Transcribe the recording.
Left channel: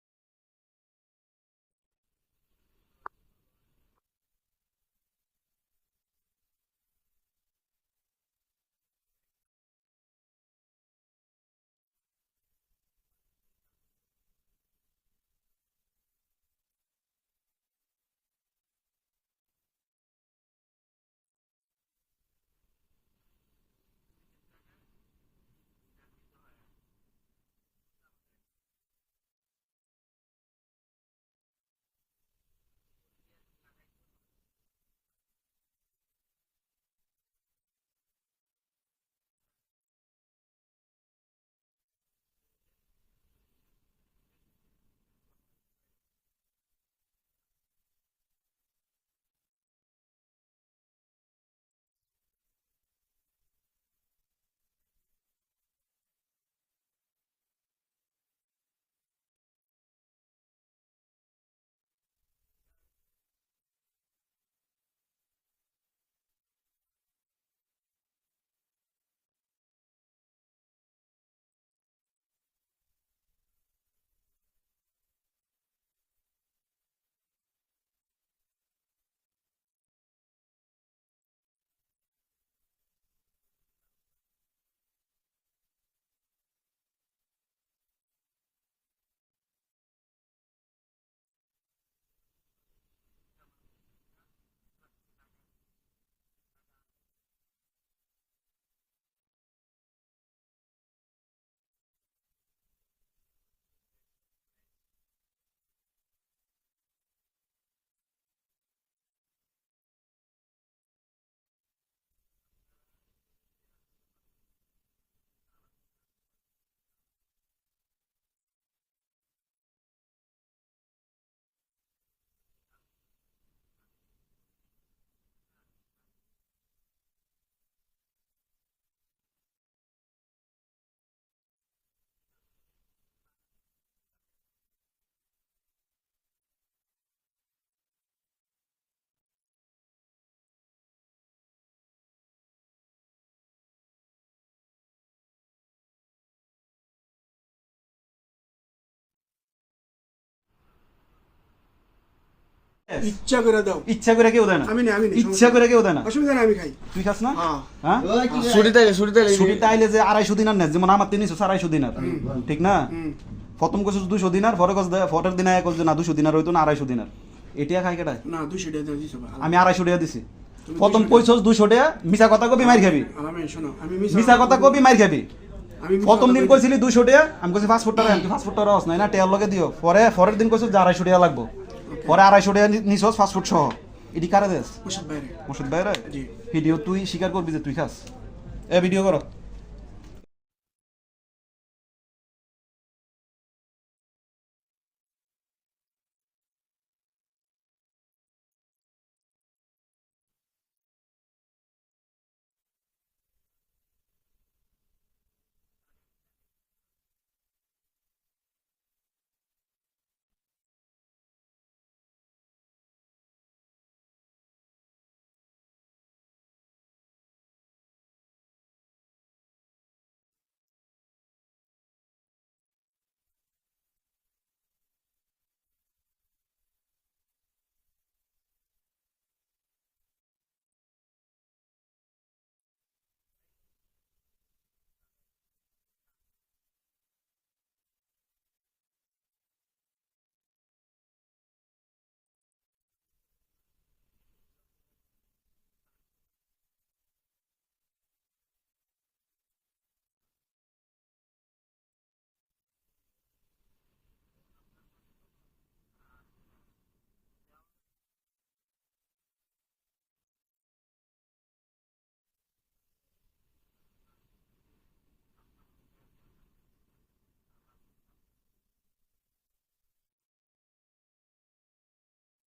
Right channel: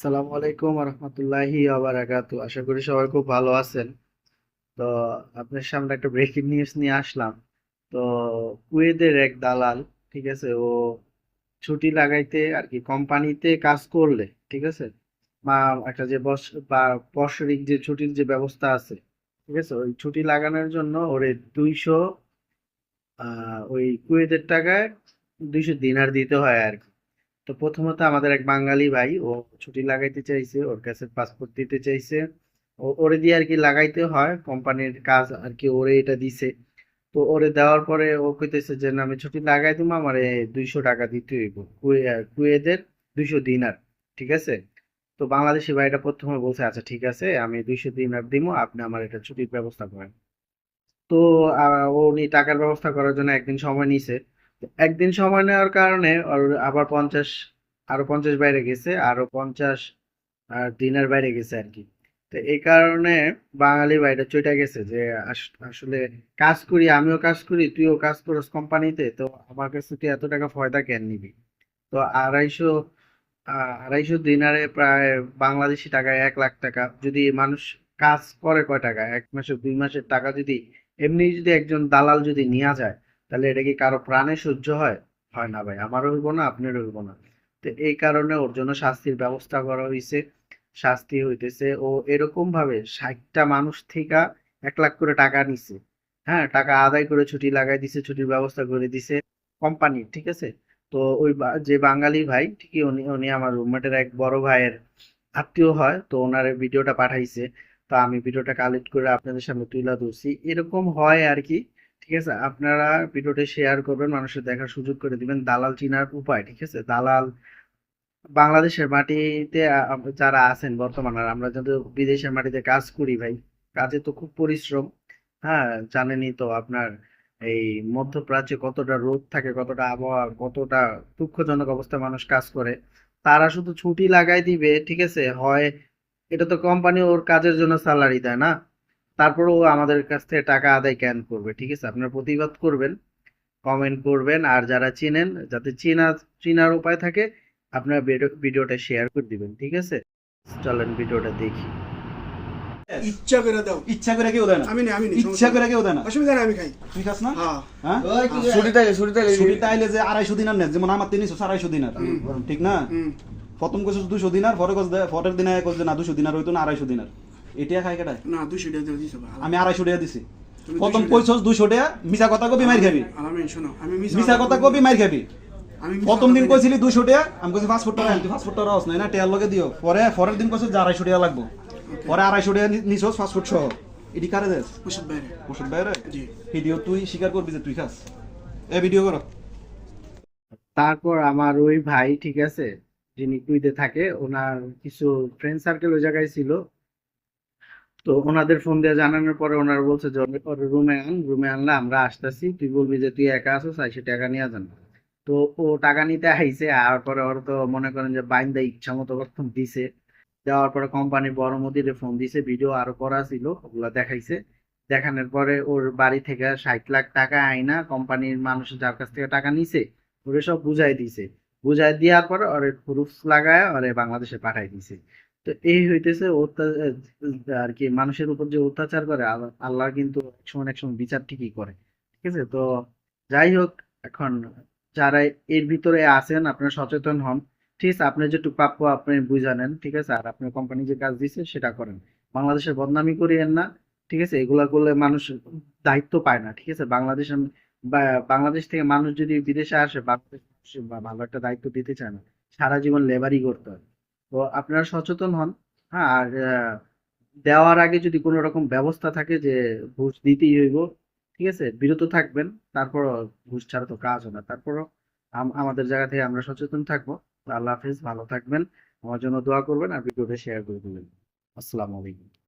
আসসালামু আলাইকুম রহমতুল্লাহি আবারাকাতু আশা করি সবাই খুব ভালো আছেন। তো আপনার সামনে একটা ব্রেকিং নিউজ নিয়ে আসলাম। তো কুয়েতের এক দালাল, ঠিক আছে, ও ছুটি লাগাইতে আর কি কোম্পানিতে কাজ করলে, ঠিক আছে বা একটা যে বস, বা বৎসরিক যে ছুটির যে ব্যবস্থা আছে, ঠিক আছে, ওই ছুটি লাগানোর জন্য ওরে দুইশো ওই কুয়েদের টাকায় দুইশো দিনার দিতে হয় আর কি। তো প্রথমত আমাদের এক বাঙালি ভাই, ও ছুটি লাগাইতে চাইছে, ওর কাছে পাসপোর্ট দিতে চাইছে। ও, ওরে দিয়ে আর কি লাগাইতে হয়, কোম্পানির কাজ আর কি ওরে এটা দিছে। তো ওরে দেওয়ার পরে ও কইতেছে যে আমি ছুটি লাগাই দিবো, আমারে দুইশো টাকা দিতে হইব, কুয়ে, কুয়েদের দুইশো দিনার, ঠিক আছে? তো বাংলাদেশি ভাইটা প্রথমে বলছে আচ্ছা ঠিক আছে, আমি দুইশো দিনার দিব, আপনি আমার এটা ছুটির ব্যবস্থা করেন। তো উনি টাকার ব্যবস্থা করার জন্য একদিন সময় নিছে। একদিন সময় নেওয়ার কারণে আবার পঞ্চাশ, আরও পঞ্চাশ বাইরে গেছে, আরও পঞ্চাশ, আর দিনের বাইরে গেছে আর কি। তো এই কারণে বাঙালি ভাইটা চইটা গেছে যে আসলে কাজ করি, আমিও কাজ করি, তুইও কাজ করিস কোম্পানিতে, তো আমার কাছে তুই এত টাকা ফয়দা কেন নিবি? তো আড়াইশো আড়াইশো দিনারে প্রায় বাংলাদেশি টাকায় এক লাখ টাকা, যদি মানুষ কাজ করে কয় টাকা, এক মাসে, দুই মাসের টাকা যদি, এমনি যদি একজন দালাল যদি নেওয়া যায় তাহলে এটা কি কারও প্রাণে সহ্য হয়? হয় না ভাই, আমারও হইব না, আপনারও হইব না। তো এই কারণে ওর জন্য শাস্তির ব্যবস্থা করা হয়েছে শাস্তি হইতেছে। ও এরকম ভাবে ষাটটা মানুষ থেকে এক লাখ করে টাকা নিছে। হ্যাঁ টাকা আদায় করে ছুটি লাগাই দিছে, ছুটির ব্যবস্থা করে দিছে কোম্পানি ঠিক আছে? তো ওই যে বাঙালি ভাই, ঠিকই উনি উনি আমার রুমমেটের এক বড় ভাইয়ের আত্মীয় হয়, তো ওনার ভিডিওটা পাঠাইছে। তো আমি ভিডিওটা কালেক্ট করে আপনাদের সামনে তুলে ধরছি। এরকম হয় আর কি। ঠিক আছে? আপনারা ভিডিওটা শেয়ার করবেন, মানুষের দেখার সুযোগ করে দিবেন। দালাল চিনার উপায়, ঠিক আছে? দালাল বাংলাদেশের মাটিতে যারা আছেন বর্তমানে, আর আমরা যাদের বিদেশের মাটিতে কাজ করি ভাই, কাজে তো খুব পরিশ্রম। হ্যাঁ জানেনই তো আপনার এই মধ্যপ্রাচ্যে কতটা রোদ থাকে, কতটা আবহাওয়া, কতটা দুঃখজনক অবস্থায় মানুষ কাজ করে। তারা শুধু ছুটি লাগাই দিবে, ঠিক আছে? হয় এটা তো কোম্পানি ওর কাজের জন্য স্যালারি দেয় না? তারপরেও আমাদের কাছ থেকে টাকা আদায় কেন করবে? ঠিক আছে? আপনারা প্রতিবাদ করবেন কমেন্ট করবেন আর যারা চিনেন যাতে চিনা চিনার উপায় থাকে আপনারা ভিডিওটা শেয়ার করে দিবেন ঠিক আছে? চলেন ভিডিওটা দেখি। ইচ্ছা করে দাও। ইচ্ছা করে কেউ দেয় না। আমি না আমি ইচ্ছা করে কেউ দেয় না। অসুবিধা নেই আমি খাই। তুই খাস না? হ্যাঁ। হ্যাঁ? ছুটি থাকে ছুটি থাকে ছুটি তাইলে যে আড়াইশো দিনার নেয় যেমন আমার তিনশো আড়াইশো দিনার ঠিক না? প্রথম কোর্স দুশো দিনার পরে কোর্স ফটের দিনে এক না দুশো দিনার হইতো না আড়াইশো দিনার এটা খাই কেটায় না দুশো টাকা দিয়ে দিছো আমি আড়াইশো টাকা দিছি। প্রথম 200 কইছস টাকা মিছা কথা কবি মার খাবি। আর শোনো আমি মিছা কথা কবি মার খাবি। আমি প্রথম দিন কই- কইছিলি দুশো টাকা আমি কইছি পাঁচ ফুট টাকা তুই ফুট টাকা রস নাই না টেয়ার লগে দিও। পরে পরের দিন কইছস যে আড়াইশো টাকা লাগবো। পরে আড়াইশো টাকা নিছস ফুট সহ। এটি কারে দেস? জি। ভিডিও তুই স্বীকার করবি যে তুই খাস। এ ভিডিও কর। তারপর আমার ওই ভাই ঠিক আছে যিনি কুইতে থাকে ওনার কিছু ফ্রেন্ড সার্কেল ওই জায়গায় ছিল। তো ওনাদের ফোন দিয়ে জানানোর পরে ওনারা বলছে যে ওর রুমে আন, রুমে আনলে আমরা আসতেছি। তুই বলবি যে তুই একা আছিস, আইসে টাকা নিয়ে যান। তো ও টাকা নিতে আইছে, আর পরে ওর তো মনে করেন যে বাইন্দা ইচ্ছা মতো কখন দিছে। দেওয়ার পরে কোম্পানির বড় মুদিরে ফোন দিছে ভিডিও আরও করা ছিল, ওগুলা দেখাইছে। দেখানোর পরে ওর বাড়ি থেকে ষাট লাখ টাকা আইনা কোম্পানির মানুষ যার কাছ থেকে টাকা নিছে, ওরে সব বুঝাই দিছে। বুঝাই দেওয়ার পরে ওরে প্রুফ লাগায় ওরে বাংলাদেশে পাঠাই দিছে। তো এই হইতেছে আর কি, মানুষের উপর যে অত্যাচার করে আল্লাহ কিন্তু এক সময় বিচার ঠিকই করে, ঠিক আছে? তো যাই হোক, এখন যারা এর ভিতরে আছেন, আপনারা সচেতন হন, ঠিক আছে? আপনি যেটুকু প্রাপ্য আপনি বুঝা ঠিক আছে? আর আপনার কোম্পানি যে কাজ দিছে, সেটা করেন। বাংলাদেশের বদনামি করিয়েন না, ঠিক আছে? এগুলা করলে মানুষ দায়িত্ব পায় না, ঠিক আছে? বাংলাদেশের বাংলাদেশ থেকে মানুষ যদি বিদেশে আসে, বাংলাদেশ ভালো একটা দায়িত্ব দিতে চায় না, সারা জীবন লেবারই করতে হয়। তো আপনারা সচেতন হন। হ্যাঁ আর দেওয়ার আগে যদি কোনো রকম ব্যবস্থা থাকে যে ঘুষ দিতেই হইব, ঠিক আছে? বিরত থাকবেন তারপর ঘুষ ছাড়া তো কাজ হবে তারপরও আম- আমাদের জায়গা থেকে আমরা সচেতন থাকব। আল্লাহ হাফিজ, ভালো থাকবেন। আমার জন্য দোয়া করবেন আর ভিডিওটা শেয়ার করে দেবেন। আসসালামু আলাইকুম।